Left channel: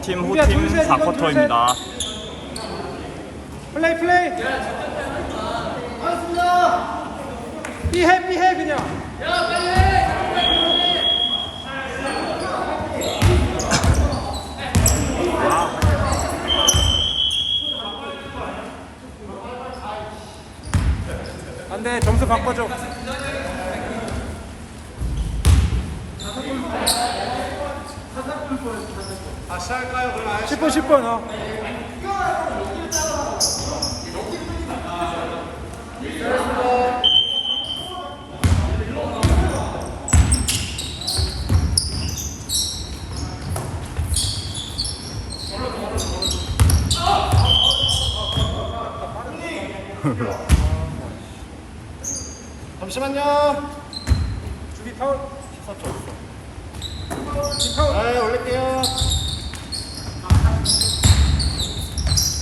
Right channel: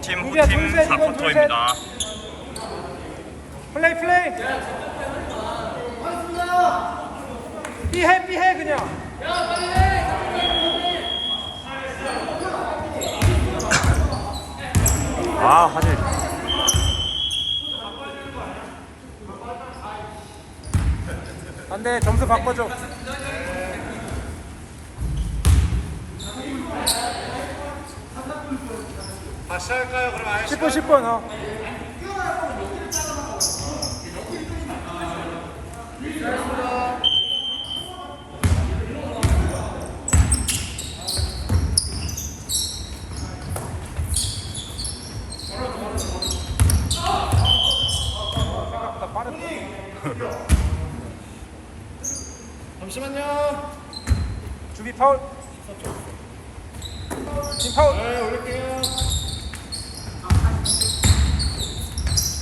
원팀 호팀 4쿼터입니다. 플레이 플레이. 삐해 삐해 그냥. 와, 안돼 점수 바꿔줘 다시 할까요? 그럼 10분 10분 어. 잠시만요. 준비 파울 네 올릴게요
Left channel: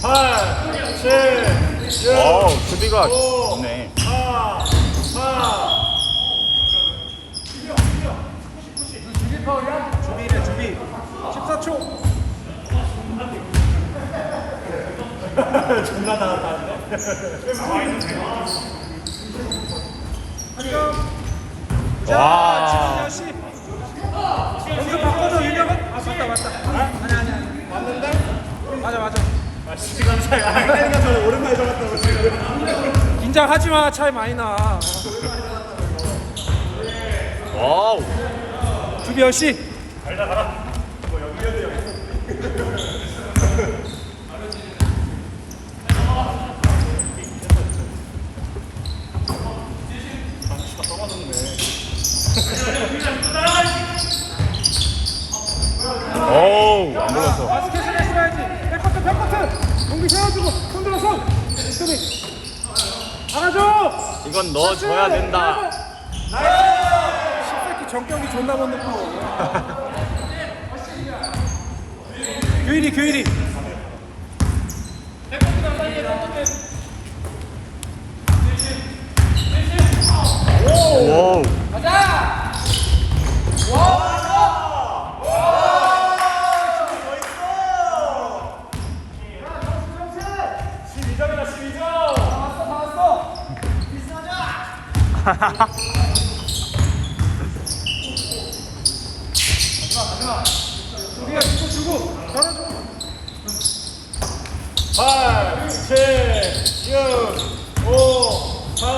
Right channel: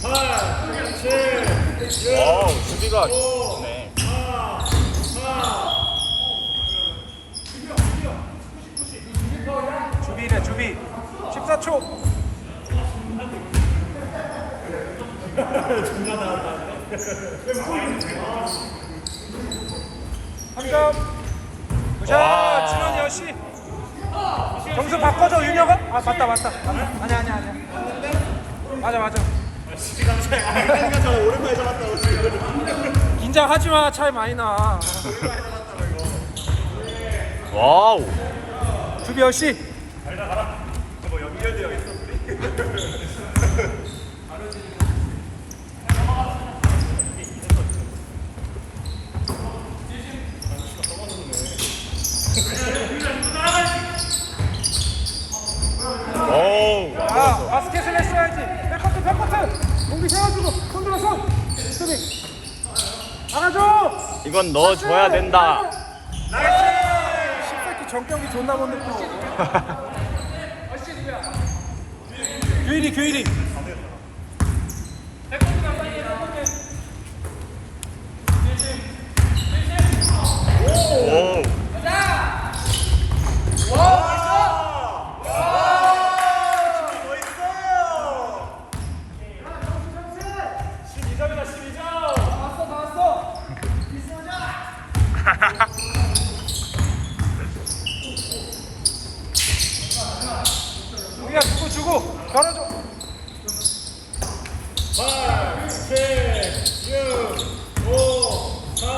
8 7 6 수비가 좋네. 4 4 14초 점수 긴장 하지 마 차이 많이 나. 와우. 주비 역시 오우. 바스켓을 해야지 백커트 백커트 공기 세워주고 손 들어 손 수비 안아줘 이건 넣어줘야 된다. 십새끼 정경이 존나 못 넣고 규일이 규일이. 오우. 수비야 주고 주고 바로 8, 7, 6, 5, 4,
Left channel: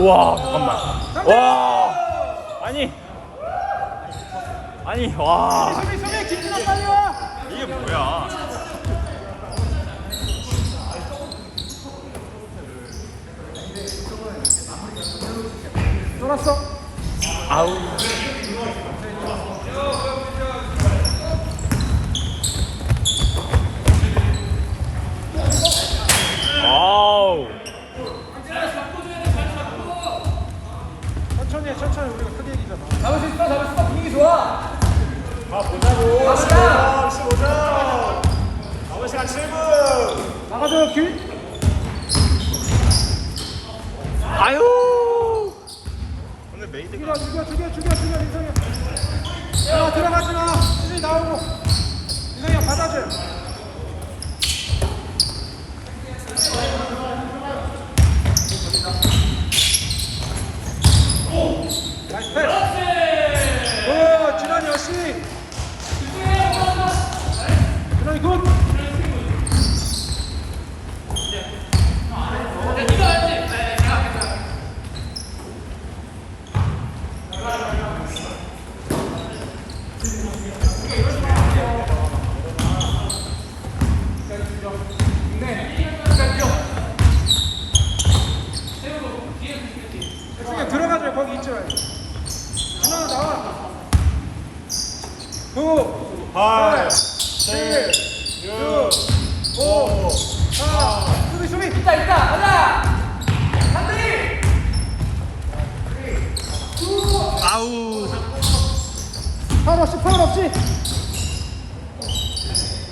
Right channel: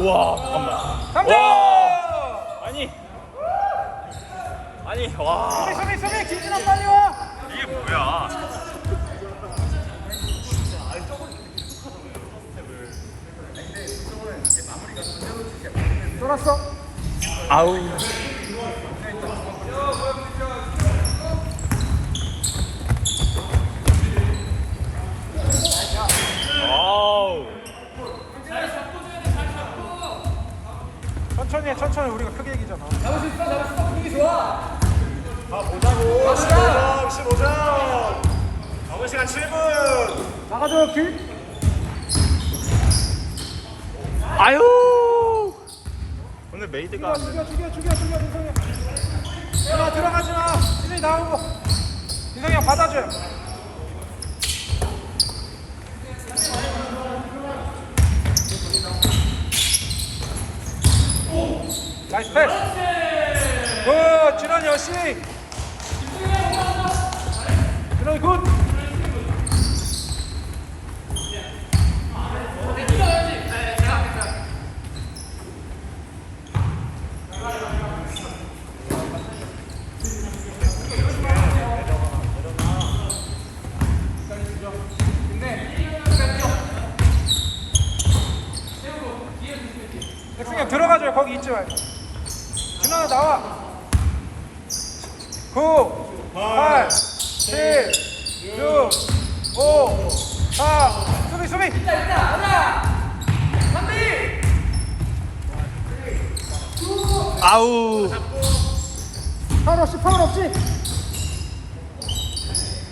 와, 잠깐만. 와. 아니. 아니, 와. 이게 뭐야? 돌았어 아우. 와우. 천천히 해 천천히 우리가 크게 얘기죠 남은 시간 7분. 나가줘 규 아유. 오늘 메이드가 죽여 죽여 죽여 죽여 민성이 야 들어가지 마 수비 나오고 민성이 형 받아줘 나이스 패스 굿 지난이 역시 진원이 굿 그냥 들어가죠 거기 있지 말고 하나 나와 9 8, 7, 6, 5, 4 수비 수비 있다 있다 아우. 파울 없이 파울 없이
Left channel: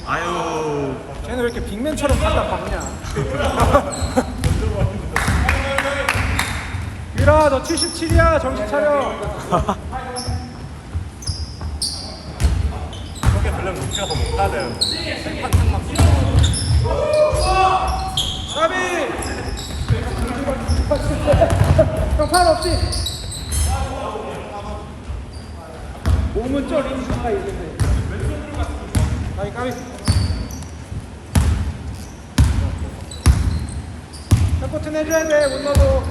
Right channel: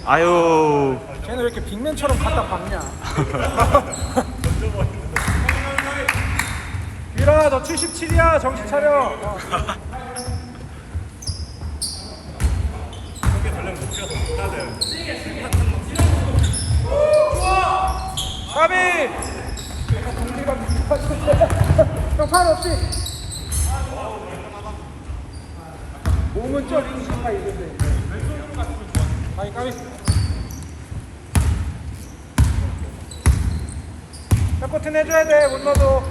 아유. 쟤는 왜 이렇게 빅맨처럼 갖다 박냐? 유라 너 77이야 정신 차려. 되려면 우리가 못하네. 아비! 형팔 없지? 몸은 좀 가까이 있는데 왼손으로 갔으면 좋아 가위 가위 코트 내줘야 돼 못 넣어도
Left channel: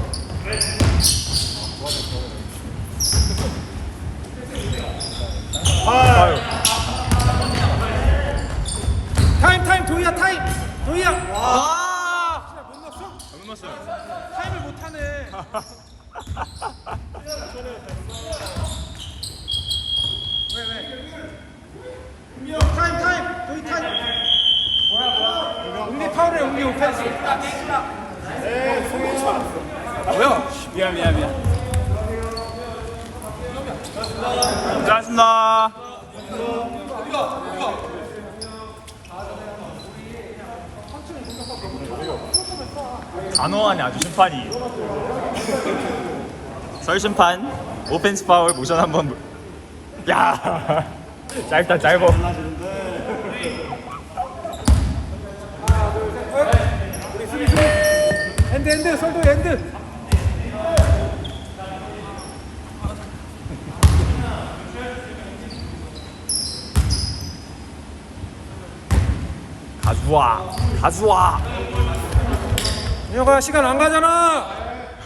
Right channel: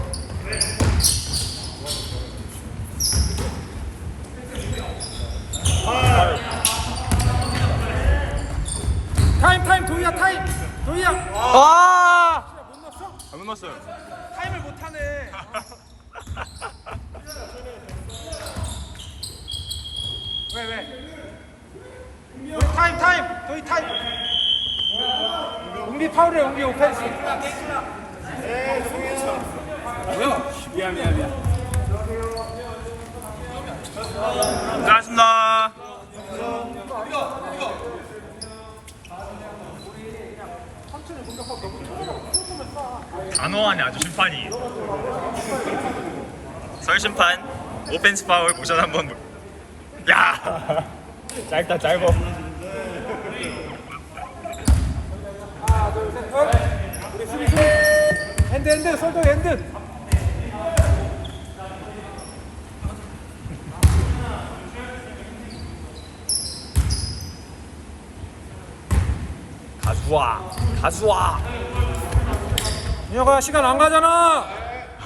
타임 타임 도희야 타임 도희야 아! 진짜 못 넣었어? 안 넘었어요. 타임을 못 하네 왜, 왜? 타임 타임 도희 타임 우리 타임을 우리 오펜스 뭐야? 미안 미안 미안. 단호하네 아주 심판이. 설 심판 오펜스 파울 모션 한번. 보- 야 짧다 짧어. 핸드 핸드 손도 핸드 다수와 다수와. 민혁아 시간 안 가잖아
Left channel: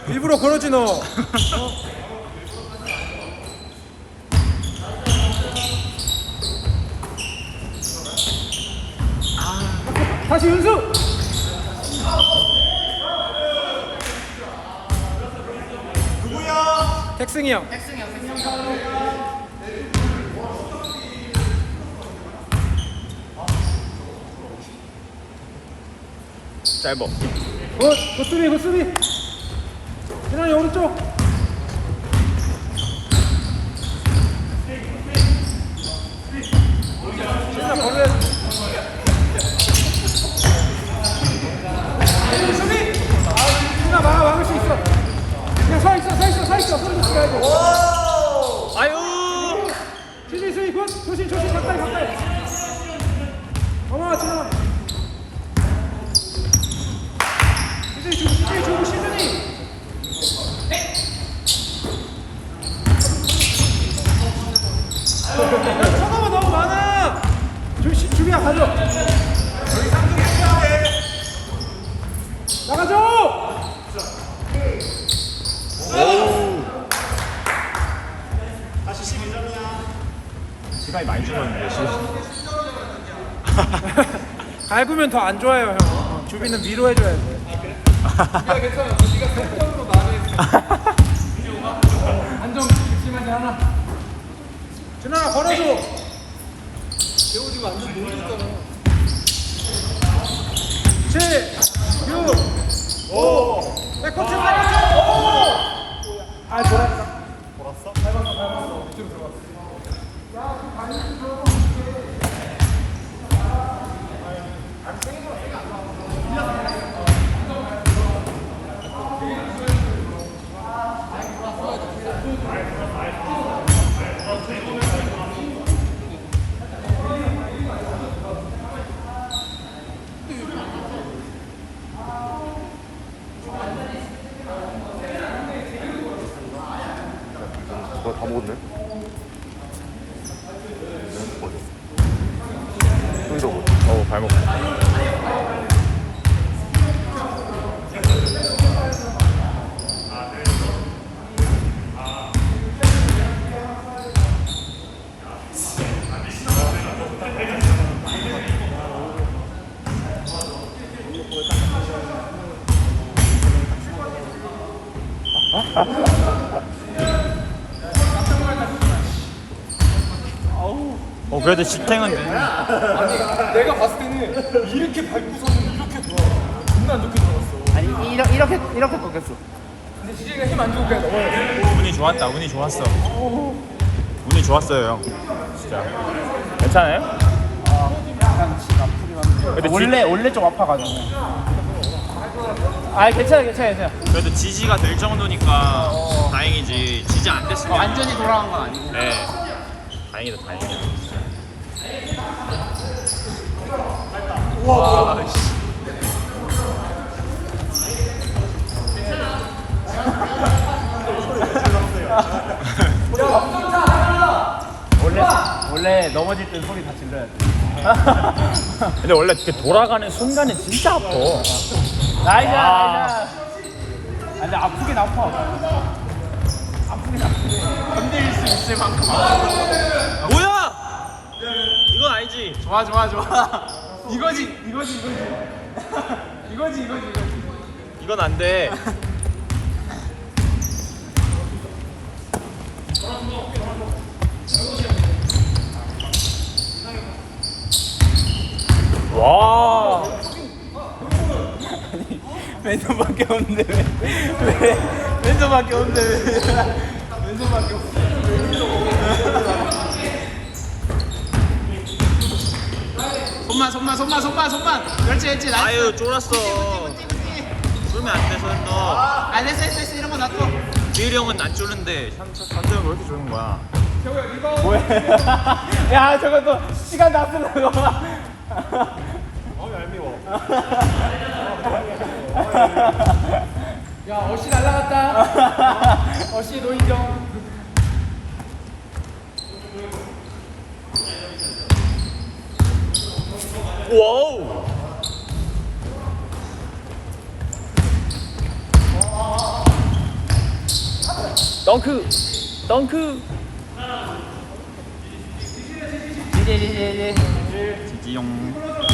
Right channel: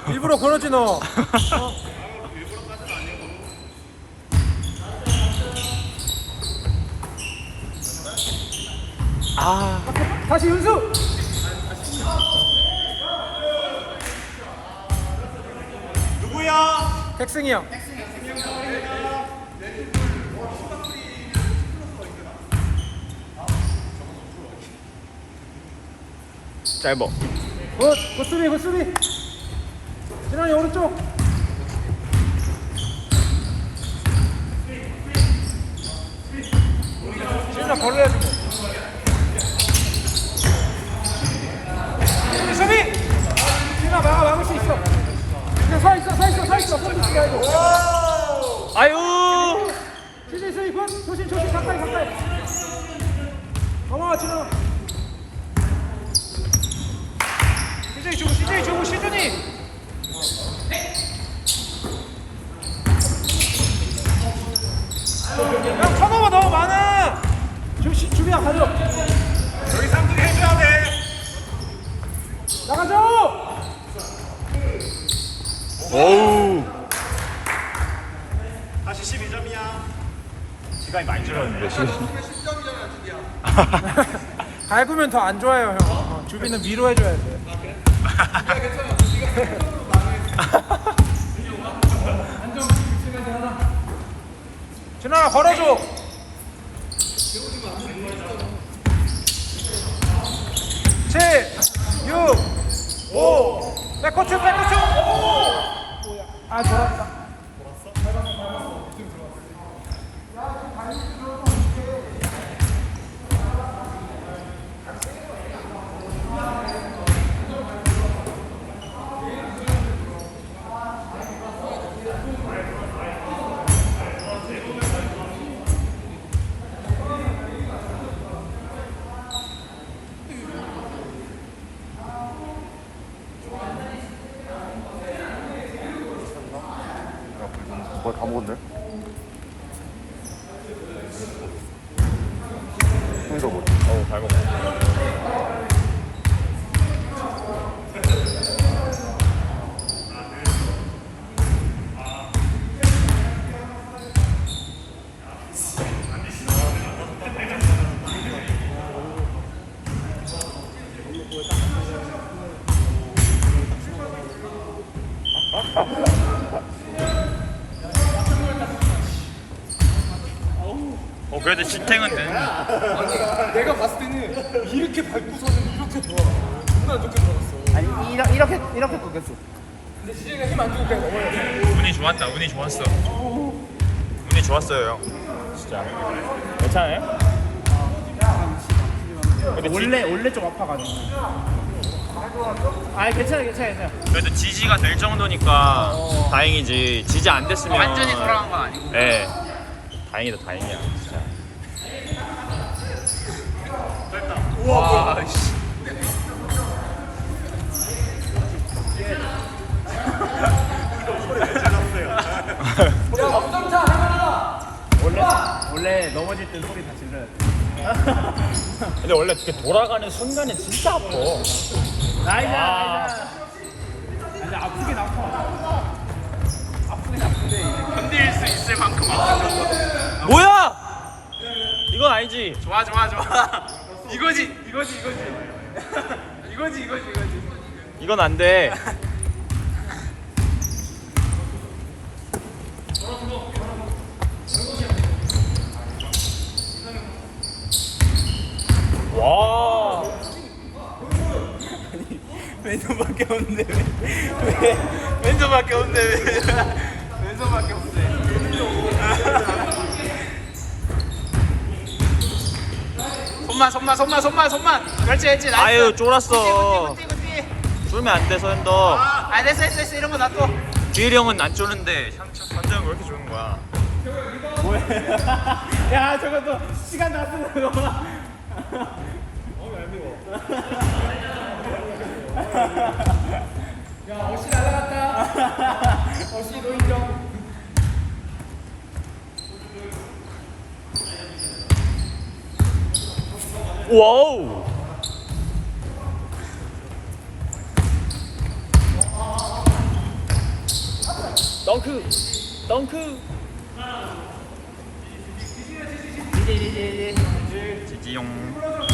일부러 그러지 너 어? 아 다시 윤수 누구야? 택승이 형 짧어. 굿, 굿 수비, 굿 수비. 진환이 오른쪽. 수비. 말고. 아유. 수비, 수비, 굿. 조심, 조심, 가까이, 가까이. 어머, 진환아. DJ 주, DJ 주, 시준이. 선호가 너무 많아. 주시 주비야 가져. 여기 3등 해줘야 돼. 나가줘. 다시 12점이야. 시간이 많이 줄었네. 밟으면 더 안 좋아요, 형. 어, 주비는 위로 해줘야 돼. 안정 심한데 하나. 준아 걸어줘. 칠, 육, 오. 야, 코트 살려. 아, 돌았다. 다 먹었네? 형이 도 그래도 집행은 되는. 내가 봤을 때는 이렇게 밟고서 이렇게 돌아. 존나 안 좋게 돌았어. 아니 이렇게 이렇게 이렇게 꺾였어 근데 지금 힘안 좋게. 운이 좋았다. 운이 좋았어. 운이 좋았어요 형. 진짜. 괜찮아요? 근데 원래 원래 좀 아파가지고 아 괜찮아 괜찮아 괜찮아 지, 그래도 지지가 될 정도니까 다행이지. 지지 안 됐으면 완전히 돌아간 건 아니고 네. 다행이다 다행이다. 원래 넘어질 땐 소리 다 질러야 돼. 근데 원래 이렇게 돌아가는 순간에 진짜 아파. 나이자, 아. 나이자. 아, 근데 아프긴 아파. 힘들 수 있을 만큼 아, 뭐야! 이건 아니지. 좋아 좋아 좋아. 이거지 이거지 이거지. 이거지 이거지 이거지. 이건 안 돼. 와. 왼손밖에 없는데 왜? 왜? 왼손밖에 없네. 왼손밖에 없네. 손만 손만 손만 손만 손만. 그렇지 그렇지 나이스. 아유 쫄았어. 쫄면 안 돼, 손 너. 아 됐어 됐어 됐어 이런 거 놔둬. 지일이 형은 안 쪼는데 현철 현철은 왜 이렇게 좋은 거야? 야 저것도 시간 다 쓰는 거. 야 어시 날라갔다 어시 노인정 와우. 덩크. 덩크. 이제 이제 이제. 지지용.